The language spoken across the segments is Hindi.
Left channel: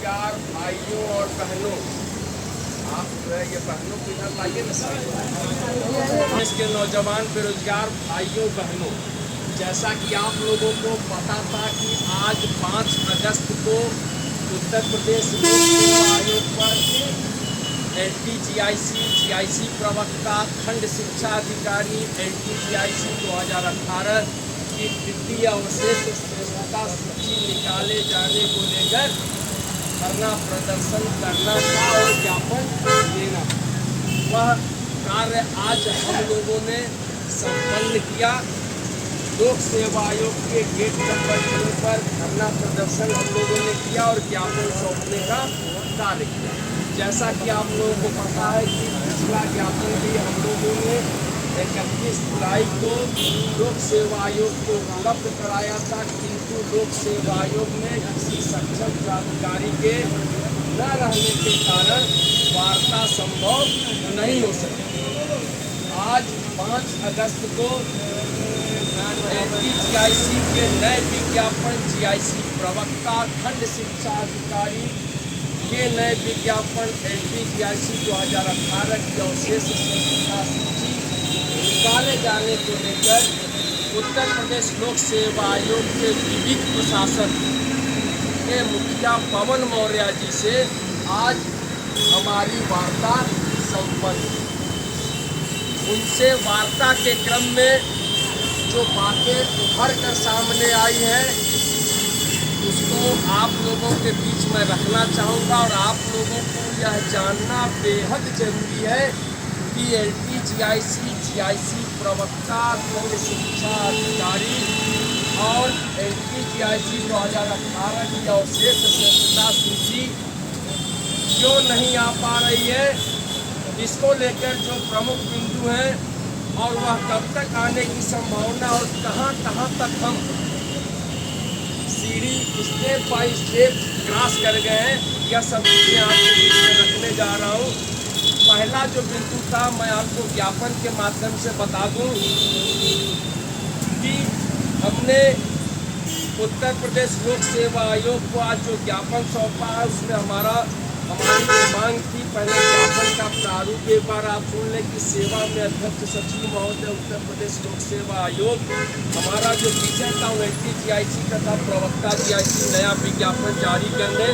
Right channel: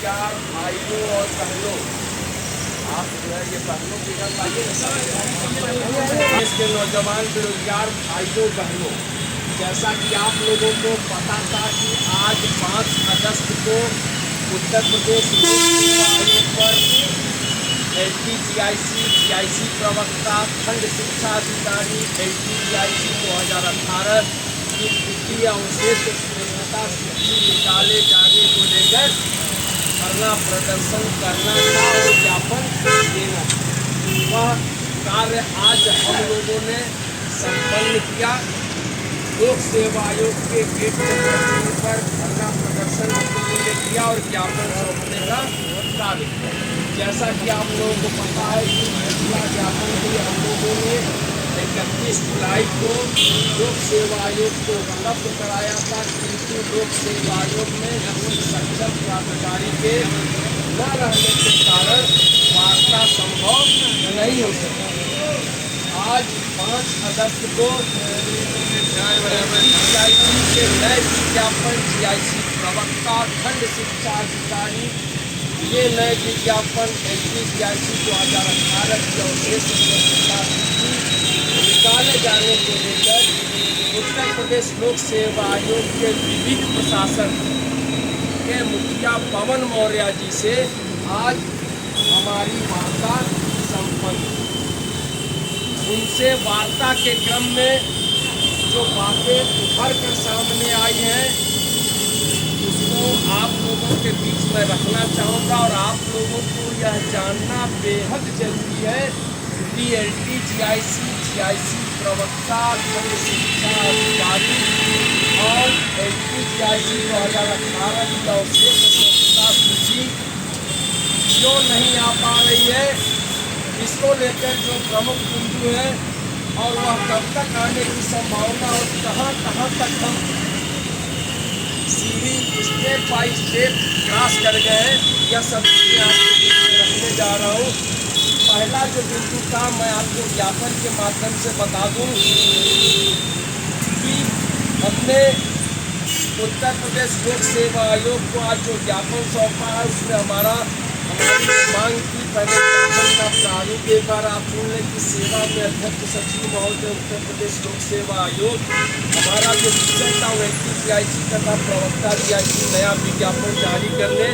बेरोजगार भाइयों और बहनों, आप जो है ये बहनों के घर वाले देश के नौजवान बेरोजगार भाइयों बहनों, जैसा कि आप लोगों को पता था कि आज 5 अगस्त को उत्तर प्रदेश लोक सेवा आयोग पर LTGIC, GIC प्रवक्ता, खंड शिक्षा अधिकारी LTGIC 2018 की तृतीय अवशेष श्रेष्ठता सूची निकाले जाने को लेकर धरना प्रदर्शन करना और ज्ञापन देना। वह कार्य आज हम लोगों ने संपन्न किया। लोक सेवा आयोग के गेट नंबर 3 पर धरना प्रदर्शन हम लोगों ने किया और ज्ञापन सौंपने का कार्य किया। जैसा कि आप लोगों को पता है कि पिछला ज्ञापन भी हम लोगों ने 31 जुलाई को लोक सेवा आयोग को उपलब्ध कराया था, किंतु लोक सेवा आयोग में किसी सक्षम प्राधिकारी के न रहने के कारण वार्ता संभव नहीं हो सकी। आज 5 अगस्त को LTGIC के नए विज्ञापन GIC प्रवक्ता, खंड शिक्षा अधिकारी, ये नए विज्ञापन LTGIC 2018 की अवशेष श्रेष्ठता सूची निकाले जाने को लेकर उत्तर प्रदेश लोक सेवा आयोग के विविध प्रशासन के मुखिया पवन मौर्य जी से आज हमारी वार्ता संपन्न। उनसे वार्ता के क्रम में जो बातें उभर कर सामने आई हैं उसको आप लोगों के बीच में रखना चाहूँगा और आप लोगों को यह जानना बेहद जरूरी है कि LTGIC, GIC प्रवक्ता, खंड शिक्षा अधिकारी और LTGIC 2018 की अवशेष श्रेष्ठता सूची क्यों नहीं आ पा रही है, इसको लेकर जो प्रमुख बिंदु है और वह कब तक आने की संभावना और कहाँ तक हम सीढ़ी स्टेप बाई स्टेप क्रॉस कर गए हैं, यह सब चीज़ें आपके बीच में रखने जा रहा हूँ। पहला जो बिंदु था मैं आपको ज्ञापन के माध्यम से बता दूं कि हमने उत्तर प्रदेश लोक सेवा आयोग को आज जो ज्ञापन सौंपा है उसमें हमारी मांग की पहले ज्ञापन का प्रारूप एक बार आप सुन लें कि सेवा में अध्यक्ष सचिव महोदय उत्तर प्रदेश लोक सेवा आयोग, हमारा जो विषय था वो LTGIC तथा प्रवक्ता GIC नया विज्ञापन जारी करने,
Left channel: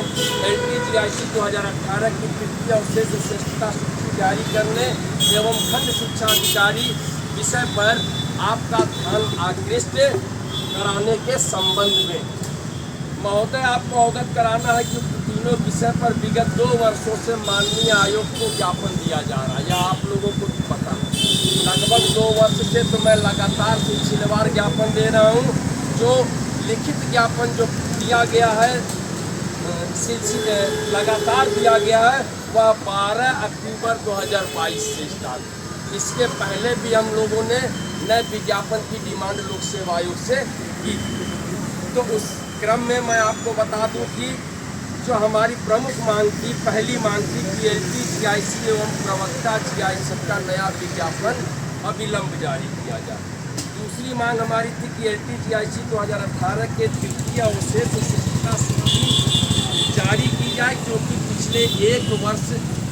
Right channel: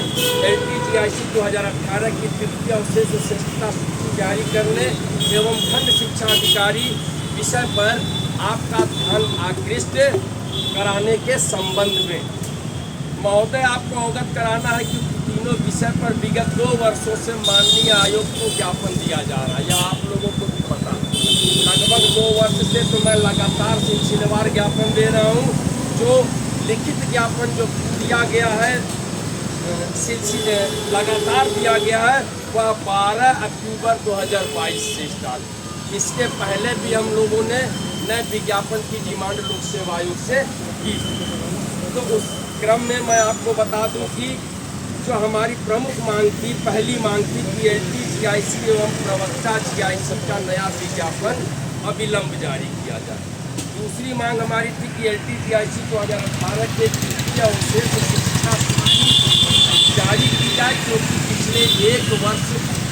LTGIC 2018 की तृतीय अवशेष श्रेष्ठता सूची जारी करने एवं खंड शिक्षा अधिकारी विषय पर आपका ध्यान आकृष्ट कराने के संबंध में महोदय आपको अवगत कराना है कि तीनों विषय पर विगत 2 वर्षों से माननीय आयोग को ज्ञापन दिया जा रहा है। यह आप लोगों को भी पता, लगभग 2 वर्ष से तो मैं लगातार सिलसिलेवार ज्ञापन दे रहा हूँ। जो लिखित ज्ञापन जो दिया गया है लगातार दिया गया है वह 12 अक्टूबर 2022 से स्टार्ट। इसके पहले भी हम लोगों ने नए विज्ञापन की डिमांड लोक सेवा आयोग से की। तो उस क्रम में मैं आपको बता दूं कि जो हमारी प्रमुख मांग थी, पहली मांग थी कि LTGIC एवं प्रवक्ता GIC का नया विज्ञापन अविलंब जारी किया जाए। दूसरी मांग हमारी थी कि LTGIC 2018 के तृतीय अवशेष शिक्षा सूची जारी की जाए, क्योंकि पिछले 1 वर्ष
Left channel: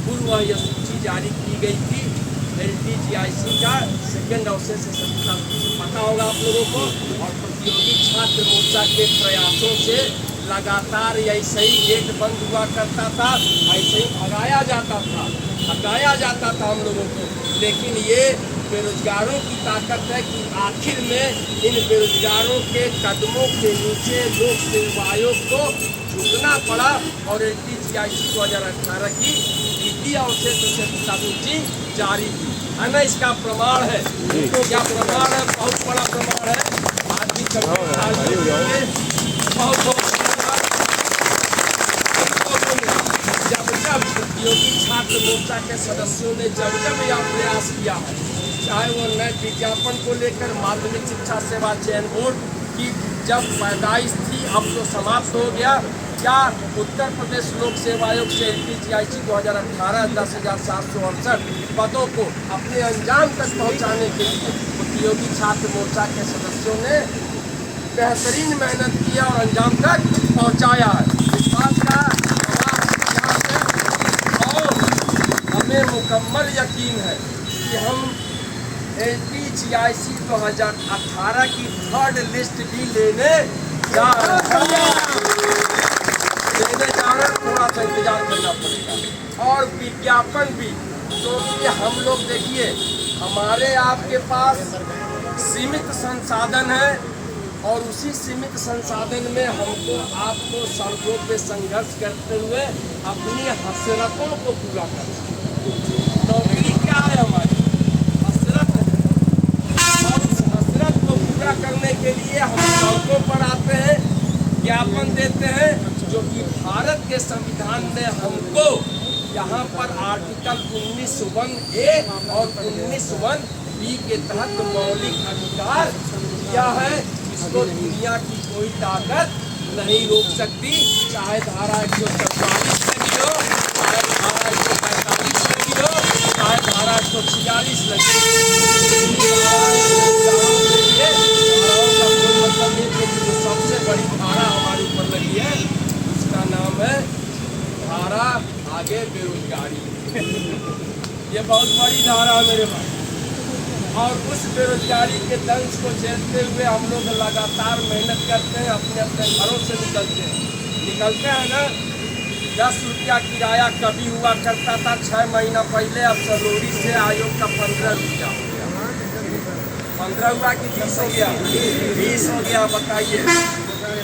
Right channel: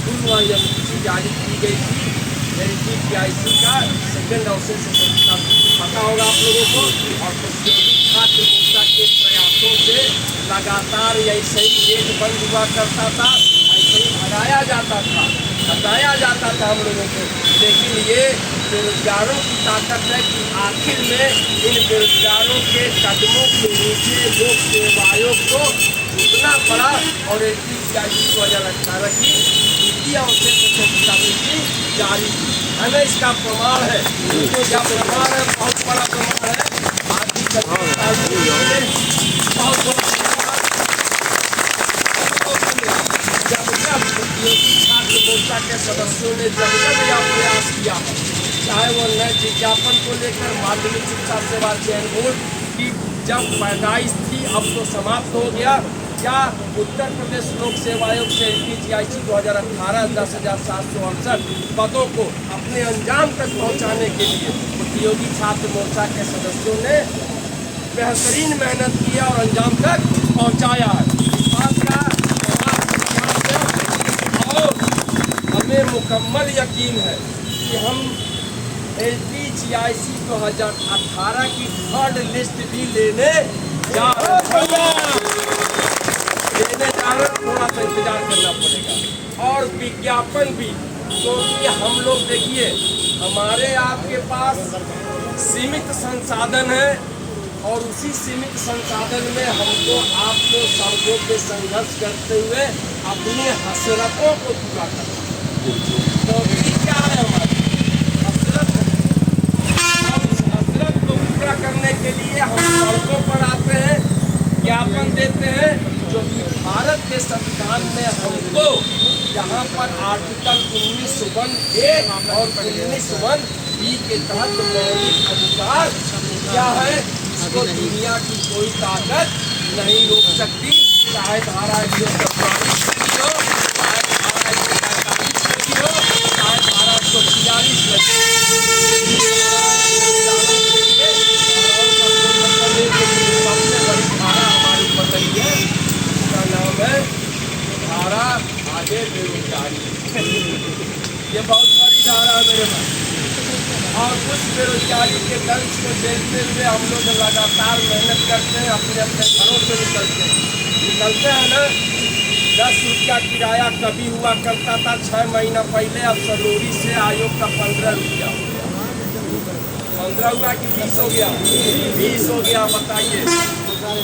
पूर्व यह सूची जारी की गई थी। LTGIC का सेकेंड अवशेष शिक्षा पता होगा आप लोगों को, और प्रतियोगी छात्र मोर्चा के प्रयासों से लगातार ऐसे ही गेट बंद हुआ करता था, ऐसे ही हटाया जाता था हम लोगों को। लेकिन ये बेरोजगारों की ताकत है कि आखिर में इन बेरोजगारों के कदमों के नीचे लोक सेवा आयोग को झुकना पड़ा और LTGIC 2018 की तृतीय अवशेष श्रेष्ठता सूची जारी की है ना। इसका प्रमाण है, तो क्या प्रमाण है, बहुत बड़ा प्रमाण है। आज भी जब प्रतियोगी छात्र मोर्चा के सदस्यों ने जब यह प्रयास किया है, चाहे वो नए विज्ञापन को लेकर माध्यमिक शिक्षा सेवा चयन बोर्ड की जब पैदाइश थी, अब तो समाप्त हो गया, या उत्तर प्रदेश लोक सेवा आयोग से LTGIC 2018 10,768 पदों को अपने अंजाम तक पहुंचाने के लिए प्रतियोगी छात्र मोर्चा के सदस्यों ने बेहतरीन मेहनत किया और अंजाम तक पहुंचाया है। इस बात का मुकम्मल यकीन है कि हम LPGIC 2018 की 3rd लिस्ट भी लेने जा रहे हैं। थोड़ा सा इंतजार करना पड़ेगा। और विज्ञापन भी, क्योंकि हम लोग देखिए हमारे आपके पास सीमित संसाधन है और उसी सीमित संसाधन में हमको आपको सबको के संघर्ष करते हुए अपनी हसरतों को पूरा करना। तो क्या है हमारी हसरत है, और उस हसरत को पूरा करने के लिए हम सड़कों पर आते हैं, ज्ञापन देते हैं, जो कि भारत के संविधान में हमको यहाँ पर आर्टिकल 19(1)(a) और 19(1)(b) के तहत मौलिक अधिकार क्या है, इसको दुनिया की कोई ताकत नहीं रोक सकती। चाहे धारा 147 लगी हो, चाहे धारा 145 लगी हो, चाहे धारा 146 लगी हो। सबसे बड़ी धारा हमारे ऊपर लगी है, इसका नाम है धारा आगे बेरोजगारी। ये बहुत बड़ी धारा है मेरे भाई। और उस बेरोजगारी के दंश को झेलते हुए हम लोग लगातार मेहनत करते हैं, अपने अपने घरों से निकलते हैं ना। 10 रुपया किराया कभी हुआ करता था 6 महीना पहले, अब सलोरी से आयोग का 15 रुपया हो गया। 15 हुआ कि 20 हो गया? 20 हो गया। बताइए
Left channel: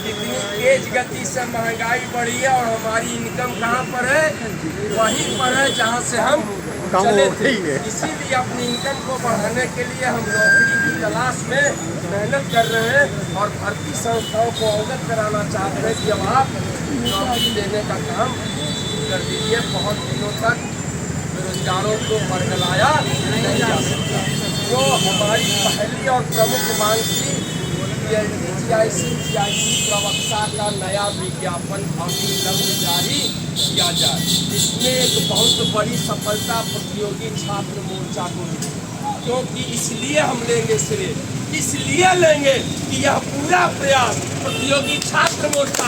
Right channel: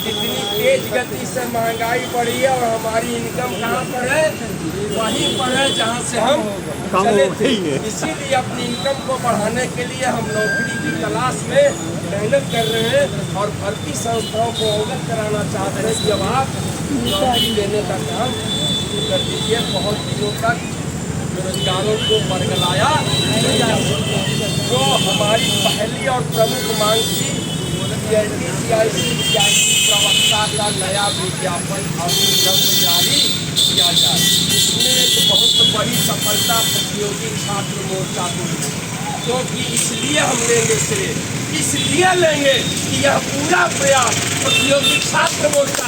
कितनी तेज गति से महंगाई बढ़ी है और हमारी इनकम कहाँ पर है? वहीं पर है जहाँ से हम चले थे। इसीलिए अपनी इनकम को बढ़ाने के लिए हम नौकरी की तलाश में मेहनत कर रहे हैं और भर्ती संस्थाओं को अवगत कराना चाहते हैं कि अब आप नौकरी लेने का काम शुरू कर दीजिए। बहुत दिनों तक बेरोजगारों को बरगलाया नहीं जा सकता। जो हमारी पहली और प्रमुख मांग थी LPGIC प्रवक्ता का नया विज्ञापन अभी जल्द जारी किया जाए। इसमें एक बहुत बड़ी सफलता प्रतियोगी छात्र मोर्चा को मिली, क्योंकि इसलिए हम लेंगे श्रेय, इसलिए लेंगे कि यह पूरा प्रयास प्रतियोगी छात्र मोर्चा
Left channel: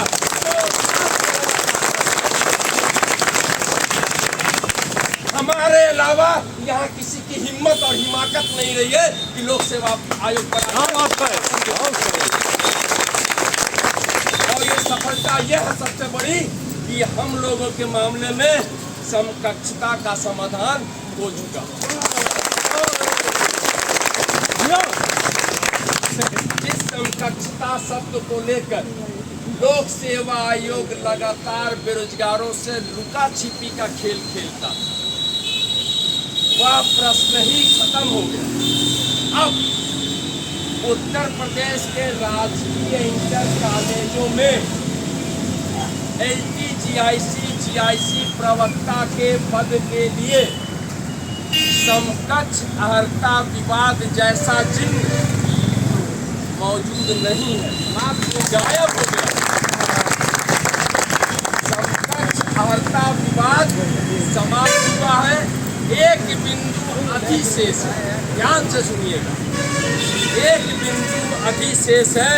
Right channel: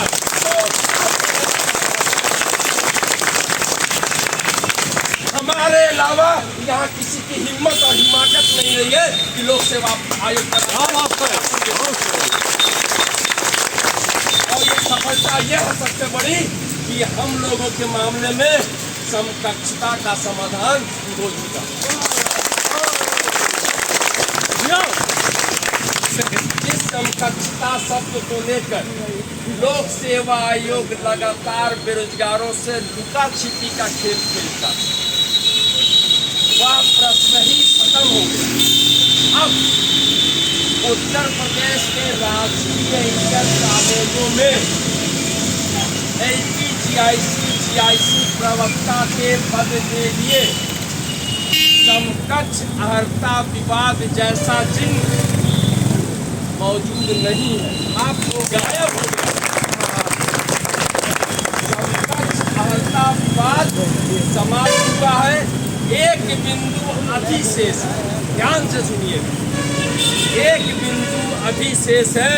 हमारे अलावा यहाँ किसी की हिम्मत और हिमाकत नहीं रही है कि लोक सेवा आयोग पर और ये सफलता यह है सबसे बड़ी कि हम लोगों के मामले में समकक्षता का समाधान हो चुका। जिस समकक्षता शब्द को लेकर लोक सेवा आयोग लगातार बेरोजगारों से लुका छिपी का खेल खेलता, वह प्रश्न ही खत्म हो गया। अब उत्तर प्रदेश के राजकीय इंटर कॉलेजों में LPGIC प्रवक्ता के पद के लिए समकक्ष अर्हता विवाद जैसा चिन्ह मौजूद नहीं है, आपको गायब हो गया। समकक्ष अर्हता विवाद समाप्त हुआ है। एक बिंदु अधिशेष है, ध्यान से सुनिएगा। एक बिंदु अधिशेष है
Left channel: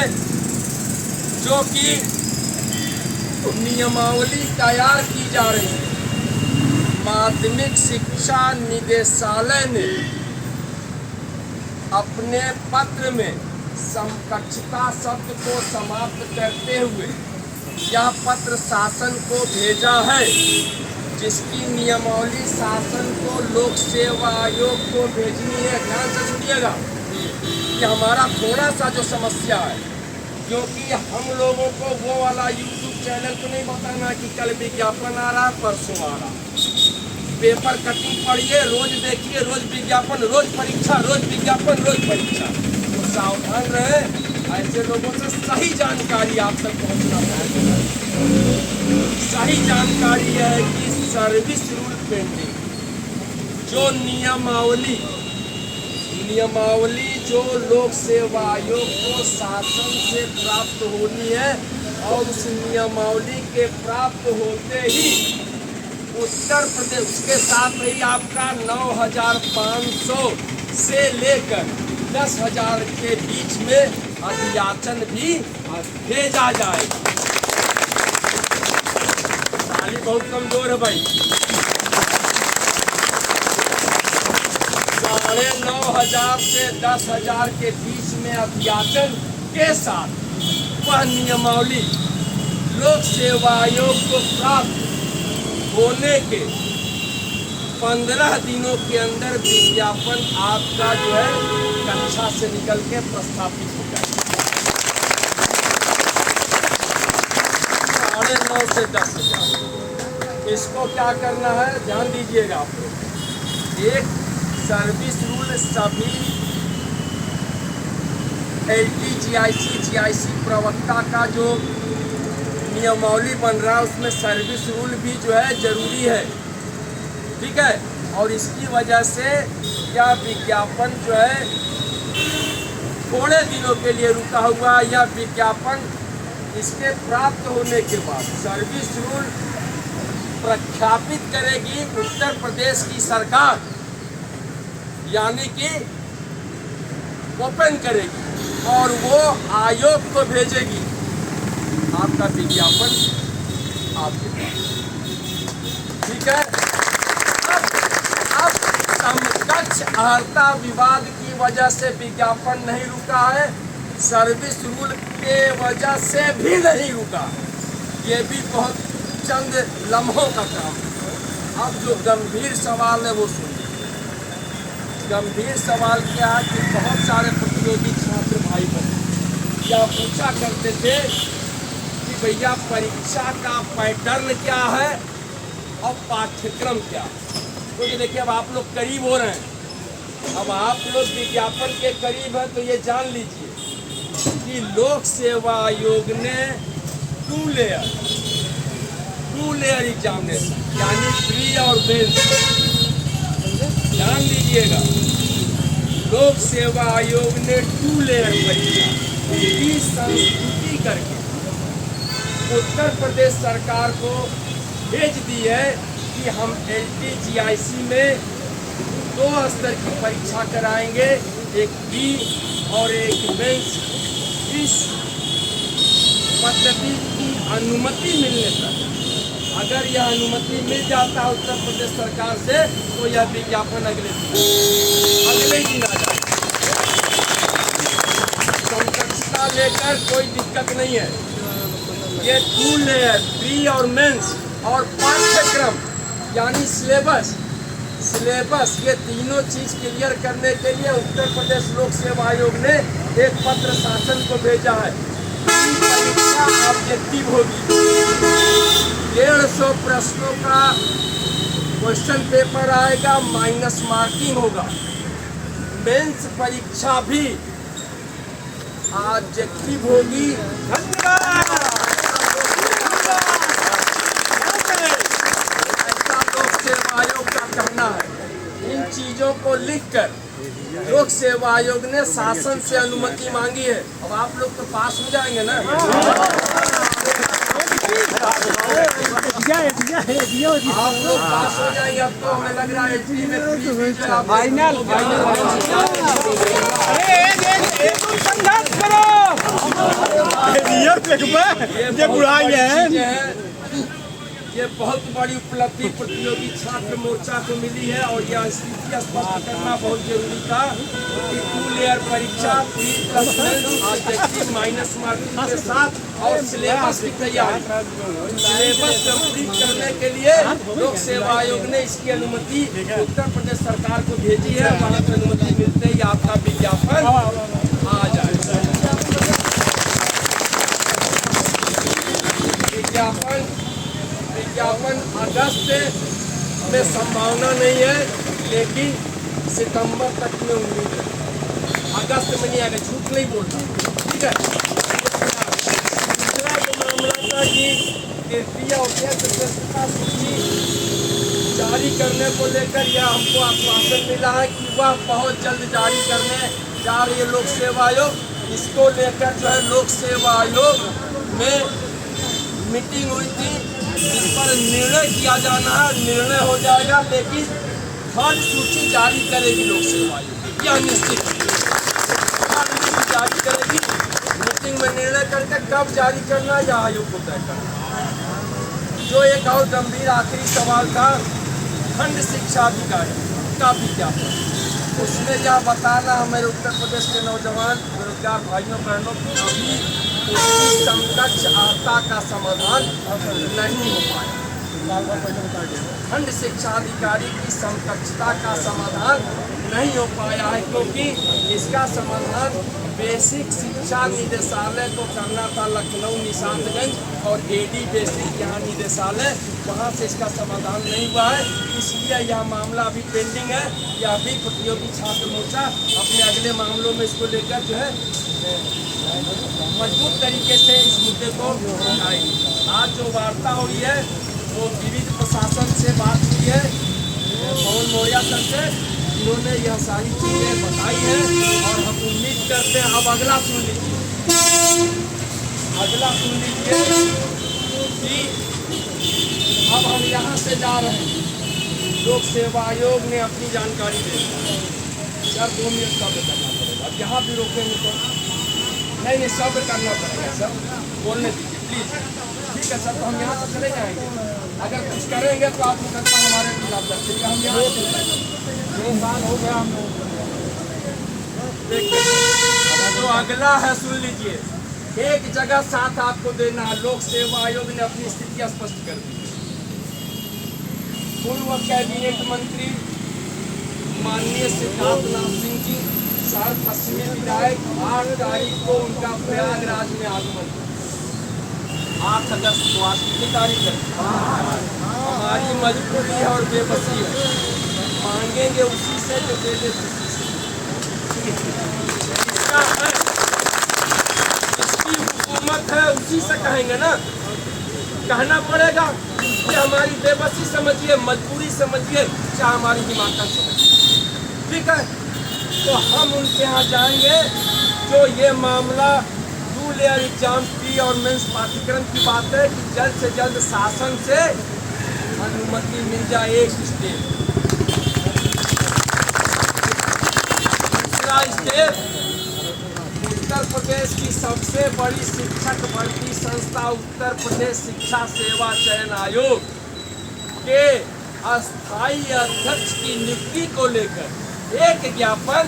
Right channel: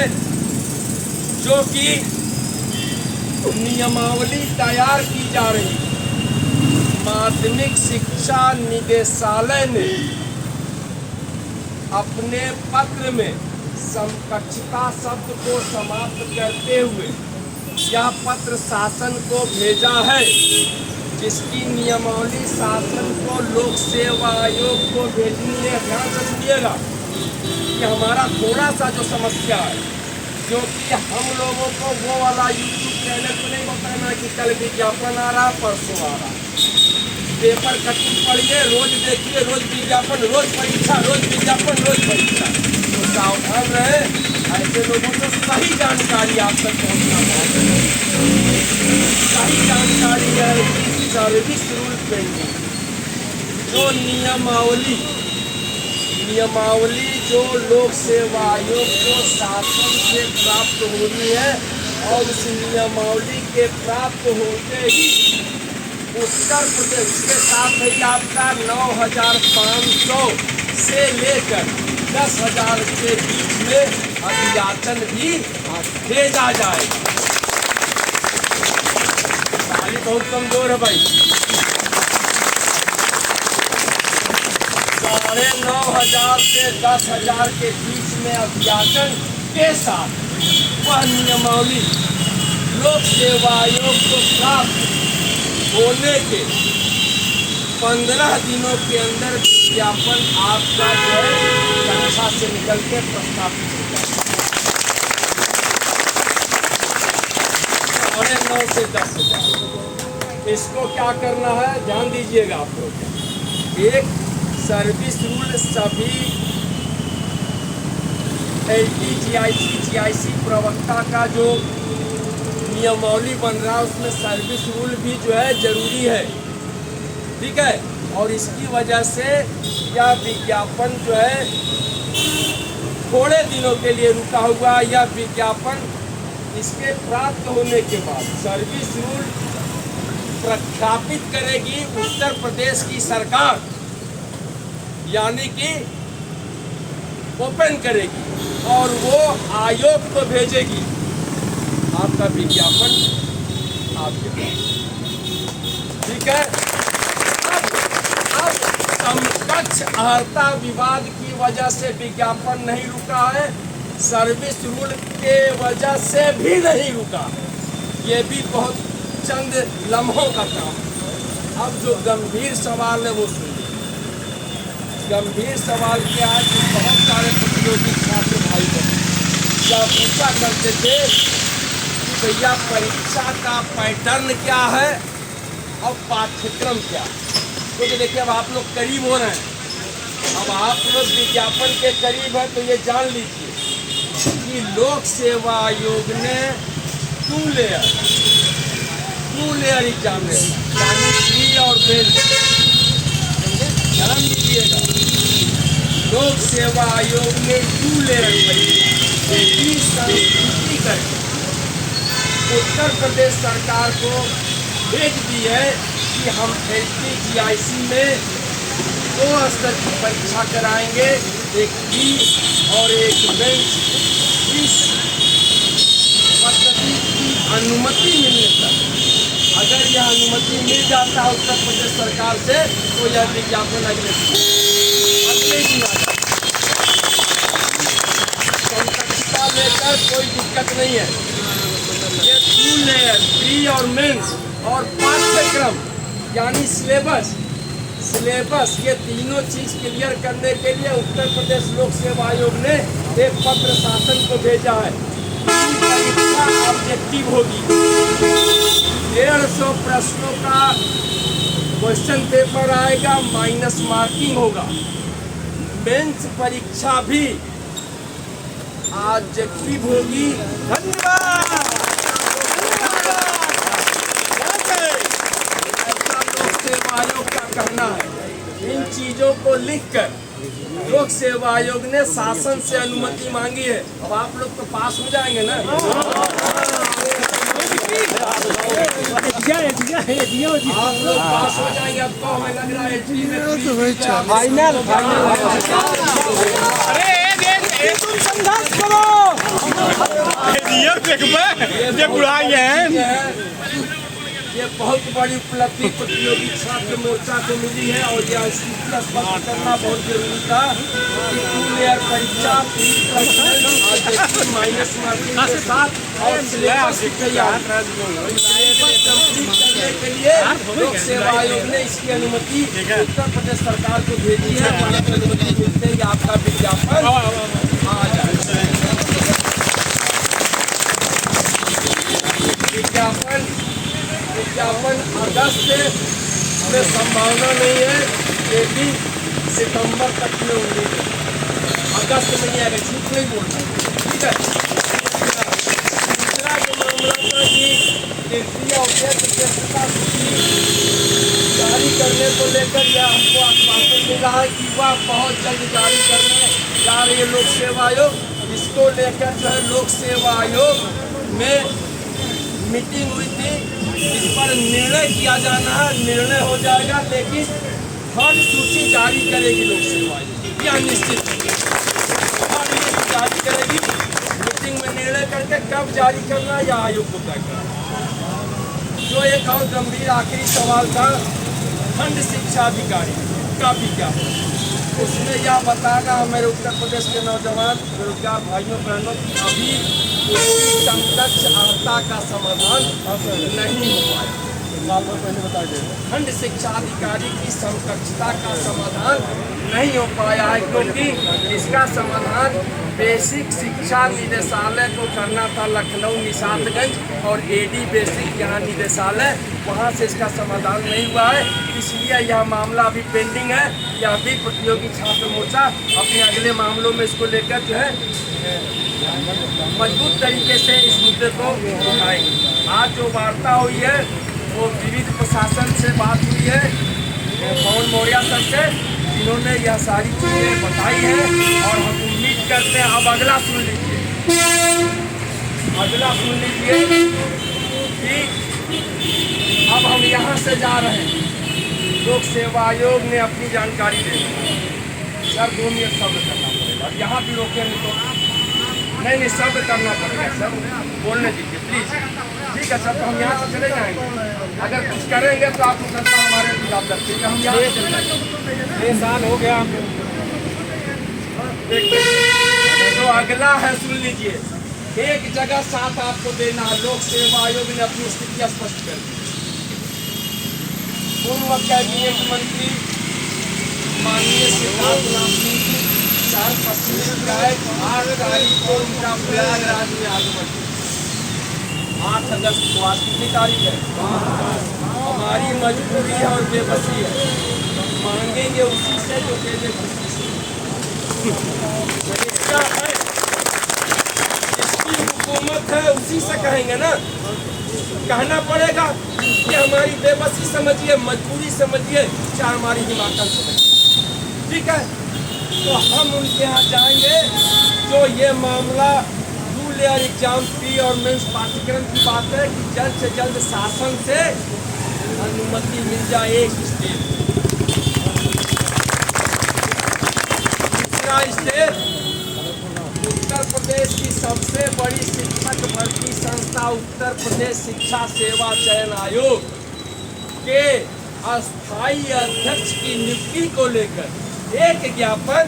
जो कि नियमावली तैयार की जा रही है। माध्यमिक शिक्षा निदेशालय ने अपने पत्र में समकक्षता शब्द को समाप्त करते हुए यह पत्र शासन को भेजा है, जिसकी नियमावली शासन को लोक सेवा आयोग को भेजनी है। ध्यान से सुनिएगा कि हमारा थोड़ा सा जो समस्या है, क्योंकि हम लोगों को वो वाला YouTube चैनल को नहीं बताना कि कल विज्ञापन आ रहा, परसों आ रहा। पेपर कटिंग पढ़िए, रोज देखिए, रोज विज्ञापन, रोज परीक्षा, रोज विज्ञापन, रोज परीक्षा। तो सावधान रहे, ऐसे लोगों से सही जानकारी आप तक पहुँचना पड़ेगा। सही जानकारी है कि सर्विस रूल पेंडिंग जो नियमावली जो लोक सेवा आयोग को शासन से प्राप्त हो रही है, और उस नियमावली के प्राप्त होते ही उत्तर प्रदेश के साथ ही आपका 9,500 से लेकर 10,000 के बीच में अभियाचन भी भेजा जाएगा। ताली बहुत कमजोर है भाई। 9,500 से 10,000 के बीच में अध्यापन के साथ वह नियमावली लोक सेवा आयोग को प्राप्त होने के 15 दिनों के अंदर विज्ञापन आपका जो है कक्षा से निकल के प्रस्थापित हो जाए। 9,500 से 10,000। इसको क्या करना है, ध्यान दीजिएगा आप लोग। एक सर्विस रूल सभी LT, GIC, GIC प्रवक्ता का जो नियमावली बन रहा है उसमें सर्विस रूल भी जो है जरूरी है, ठीक है। और इसकी वजह से यह विज्ञापन जो है थोड़े दिनों के लिए रुका हुआ। यह विज्ञापन इसके प्राप्त होने के बाद सर्विस रूल प्रख्यापित करेगी उत्तर प्रदेश की सरकार, यानी कि ओपन करेगी और वो आयोग को भेजेगी आपका विज्ञापन आपके पास, ठीक है। अब समकक्ष अर्हता विवाद की वजह से विज्ञापन नहीं रुका है, सर्विस रूल के वजह से भी नहीं रुका। ये भी बहुत चंद लम्हों का काम है। अब जो गंभीर सवाल है वो सुनिए। गंभीर सवाल क्या है कि बहुत सारे प्रतियोगी छात्र भाई बहन क्या पूछा करते थे कि भैया परीक्षा का पैटर्न क्या है और पाठ्यक्रम क्या है। तो देखिए अब आप लोग करीब हो रहे हैं, अब आप लोग विज्ञापन के करीब हैं, तो ये जान लीजिए कि लोक सेवा आयोग ने 2 लेयर एग्जामिनेशन यानी प्री और मेंस, ध्यान दीजिएगा, लोक सेवा आयोग ने 2 लेयर परीक्षा की संस्तुति करके उत्तर प्रदेश सरकार को भेज दी है कि हम LT, GIC में 2 स्तर की परीक्षा कराएंगे, एक प्री और एक मेंस। इस पद्धति की अनुमति मिलने तक, अगर यह अनुमति मिल जाता है उत्तर प्रदेश सरकार से, तो यह विज्ञापन अगले दिन आ जाता। समकक्षता लेकर कोई दिक्कत नहीं है। ये 2 लेयर प्री और मेंस और पाठ्यक्रम यानी सिलेबस, ये तीनों चीज क्लियर करने के लिए उत्तर प्रदेश लोक सेवा आयोग ने एक पत्र शासन को भेजा है। परीक्षा ऑब्जेक्टिव होगी, 150 प्रश्नों का क्वेश्चन पेपर आएगा, माइनस मार्किंग होगा। मेंस परीक्षा भी ऑब्जेक्टिव होगी। ऐसा लोक सेवा आयोग का कहना है। इन चीजों को लिखकर लोक सेवा आयोग ने शासन से अनुमति मांगी है। अब आप लोग तो पास हो जाएंगे ना, आप लोग पास हो जाएंगे। अब तो हमें लग रहा है फाइनल ये बहुत बड़ी उपलब्धि प्रतियोगी छात्र मोर्चा को मिली है और यह स्थिति स्पष्ट करना बहुत जरूरी था कि 2 लेयर परीक्षा माइनस मार्किंग के साथ और सिलेबस कंप्लीट करने के लिए लोक सेवा आयोग ने इसकी अनुमति उत्तर प्रदेश सरकार को भेजी है। अनुमति मिलते ही आपका विज्ञापन आ जाएगा। विज्ञापन अगस्त में संभावना नहीं है, लेकिन सितंबर तक में उम्मीद है। अगस्त में नहीं आएगा, झूठ नहीं बोलना, ठीक है। दूसरा जो मामला था कि तृतीय अध्यक्षता सूची जारी करने को लेकर यह हमको आश्वासन मिला है कि वह बहुत जल्द जारी करने जा रही है लोक सेवा आयोग। इसको लेकर जो है लोक सेवा आयोग में मीटिंग हुई थी, इस पर निर्णय किया जाना है, निर्णय हो जाएगा। लेकिन 3rd सूची जारी करेगी लोक सेवा आयोग, यह निश्चित जारी करेगी। मीटिंग में निर्णय करके कब जारी करना यह आयोग को तय करना। जो एक और गंभीर आखिरी सवाल था, खंड शिक्षा अधिकारी का विज्ञापन। उसमें यह बताना है मेरे उत्तर प्रदेश के नौजवान बेरोजगार भाइयों बहनों की अभी उसकी समकक्ष आपदा का समाधान नहीं हो पाया। खंड शिक्षा अधिकारी की समकक्षता का समाधान नहीं हो पाया है, क्योंकि इसका समाधान बेसिक शिक्षा निदेशालय को करना था लखनऊ निशातगंज और एडी बेसिक यहाँ निदेशालय, वहाँ से इसका समाधान नहीं हुआ है। इसलिए यह मामला अभी पेंडिंग है। यह भी प्रतियोगी छात्र मोर्चा अपने अगले मामलों में इसको लेकर जो है मजबूत तरीके से इस मुद्दे को उठाएंगे। आज जो वार्ता हुई है वो विविध प्रशासन से बात हुई है, पवन मौर्य सर से, जिन्होंने यह सारी चीज़ें बताई हैं और हम उम्मीद करते हैं। अब अगला सुन लीजिए, कि अब हम यहाँ से जा रहे हैं। लोक सेवा आयोग ने अपनी जानकारी दे दी। सर 2 मिनट सब्र करना पड़ेगा। अब यहाँ भी रोकेंगे तो नहीं, सब्र करना पड़ेगा सर, बोलने दीजिए प्लीज। ठीक है सर, तो हम यहाँ से चले जाएंगे। अगर कुछ करेंगे तो आप मुकदमा हमारे खिलाफ रखिएगा। हम यहाँ चले जाएंगे। 6 साल हो गया हम लोग। तो अगला है, सुन लीजिए, एक जगह साथ आपको देना है। लोक सेवा आयोग ने अपनी स्थिति स्पष्ट कर दी। पूर्व कैबिनेट मंत्री माननीय सिद्धार्थनाथ सिंह की पश्चिमी विधायक 8 तारीख को उनका प्रयागराज में आगमन। 8 अगस्त को आज कितनी तारीख है? हमारी मजबूरी है और बेबसी है, मांगेंगे उसी से जो दे दे खुशी से। इसका है, इसकी हुकूमत है, उसी से कहेंगे ना, कहना पड़ेगा कि हमारी बेबसी समझिए, मजबूरी समझिए, चाहे हमारी हिमाकत समझिए। ठीक है, तो हम उनके यहाँ जाएंगे। जो ये मामला 2 लेयर एग्जाम प्री और मेंस पाठ्यक्रम की बात है कि जल्द से जल्द शासन से अनुमति मिल जाए एक स्टेप। दूसरा स्टेप, उत्तर प्रदेश की सबसे बड़ी शिक्षक भर्ती संस्था उत्तर प्रदेश शिक्षा सेवा चयन आयोग के अस्थायी अध्यक्ष की नियुक्ति को लेकर एक ज्ञापन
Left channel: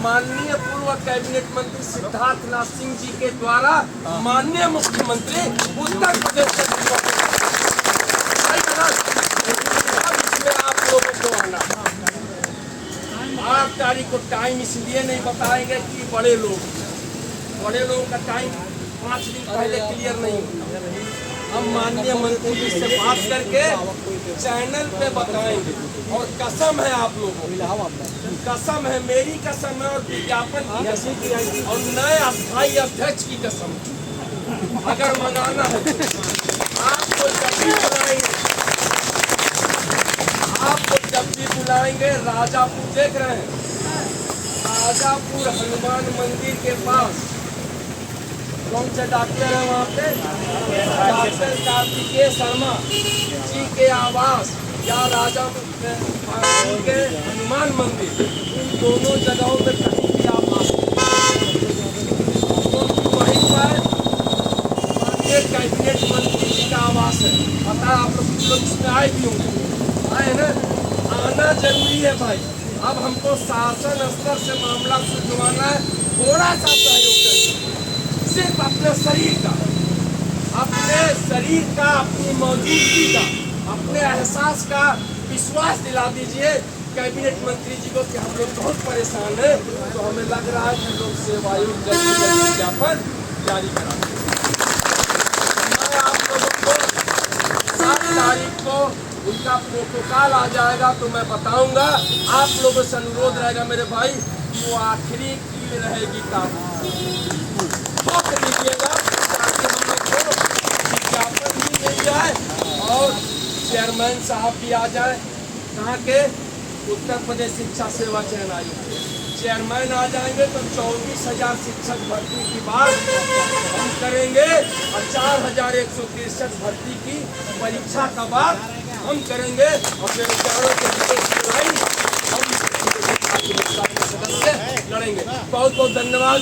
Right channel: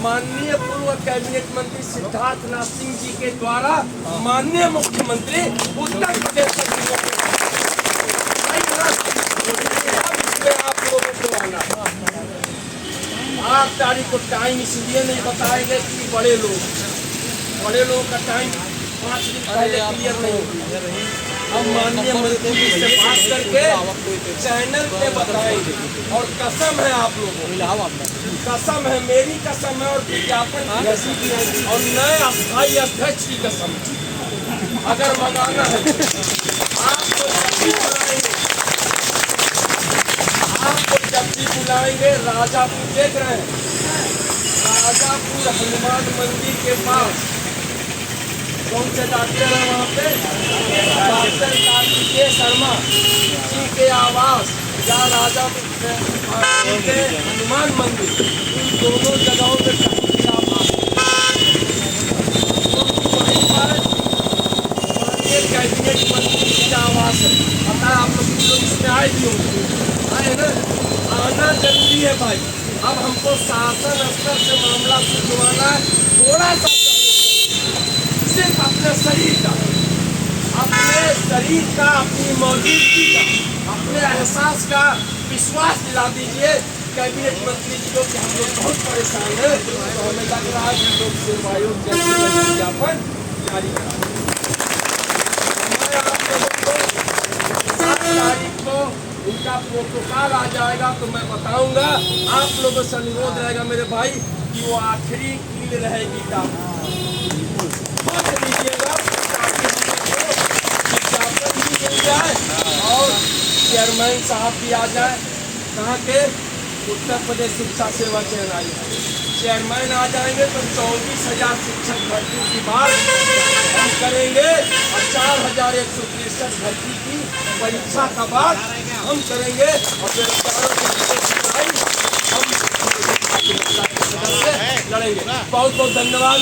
माननीय पूर्व कैबिनेट मंत्री सिद्धार्थनाथ सिंह जी के द्वारा माननीय मुख्यमंत्री उत्तर प्रदेश इसमें आप लोगों को आना। 8 तारीख को टाइम इसलिए नहीं बताएंगे कि बड़े लोगों का टाइम 5 दिन पहले क्लियर नहीं। हम माननीय मंत्री जी से बात करके चैनल पे बताएंगे। और कसम है आप लोगों, कसम है, मेरी कसम है और विज्ञापन और नए अस्थायी अध्यक्ष की कसम। अगर मंगाना है आपको जब भी बुलाएंगे। राजापुर देख रहे हैं, राजापुर हनुमान मंदिर के पास कौन से डॉक्टर है वहाँ पे? डॉक्टर कार्तिकेय शर्मा जी के आवास या राजा के हनुमान मंदिर, इन दोनों जगहों पे वहीं पर कैबिनेट मंत्री जी का आवास है। पता है आप लोग इसमें आए भी होंगे, आए ना, आना जरूरी है भाई। अब हमको शासन स्तर से मामला सुलझवाना है। थोड़ा सा सहयोग करिए, सिर्फ अपने शरीर का, अपनी मौजूदगी का, अपने एहसास का विश्वास दिला दीजिए कैबिनेट मंत्री जी को कि हम लोग बहुत परेशान हैं। तो हमें लग रहा है कि लोक सेवा आयोग जल्द से जल्द विज्ञापन जारी करा देगा। मैं आप लोगों को 7 तारीख को उनका प्रोटोकॉल आ जाएगा तो मैं बताऊंगा। आप लोगों से अनुरोध रहेगा मेरे भाई कि वो आखिरी कील रहेगी वक्त दीजिएगा ताकि हम लोग को विज्ञापन भी मिल जाए और चेयरमैन साहब भी आ जाए। कहाँ के? उत्तर प्रदेश शिक्षा सेवा चयन आयोग चेयरमैन आ जाएंगे तो 24,000 शिक्षक भर्ती की बात हम करेंगे और 4,163 भर्ती की परीक्षा का बात हम करेंगे और बेरोजगारों के लिए हम लड़ेंगे। बहुत बहुत धन्यवाद।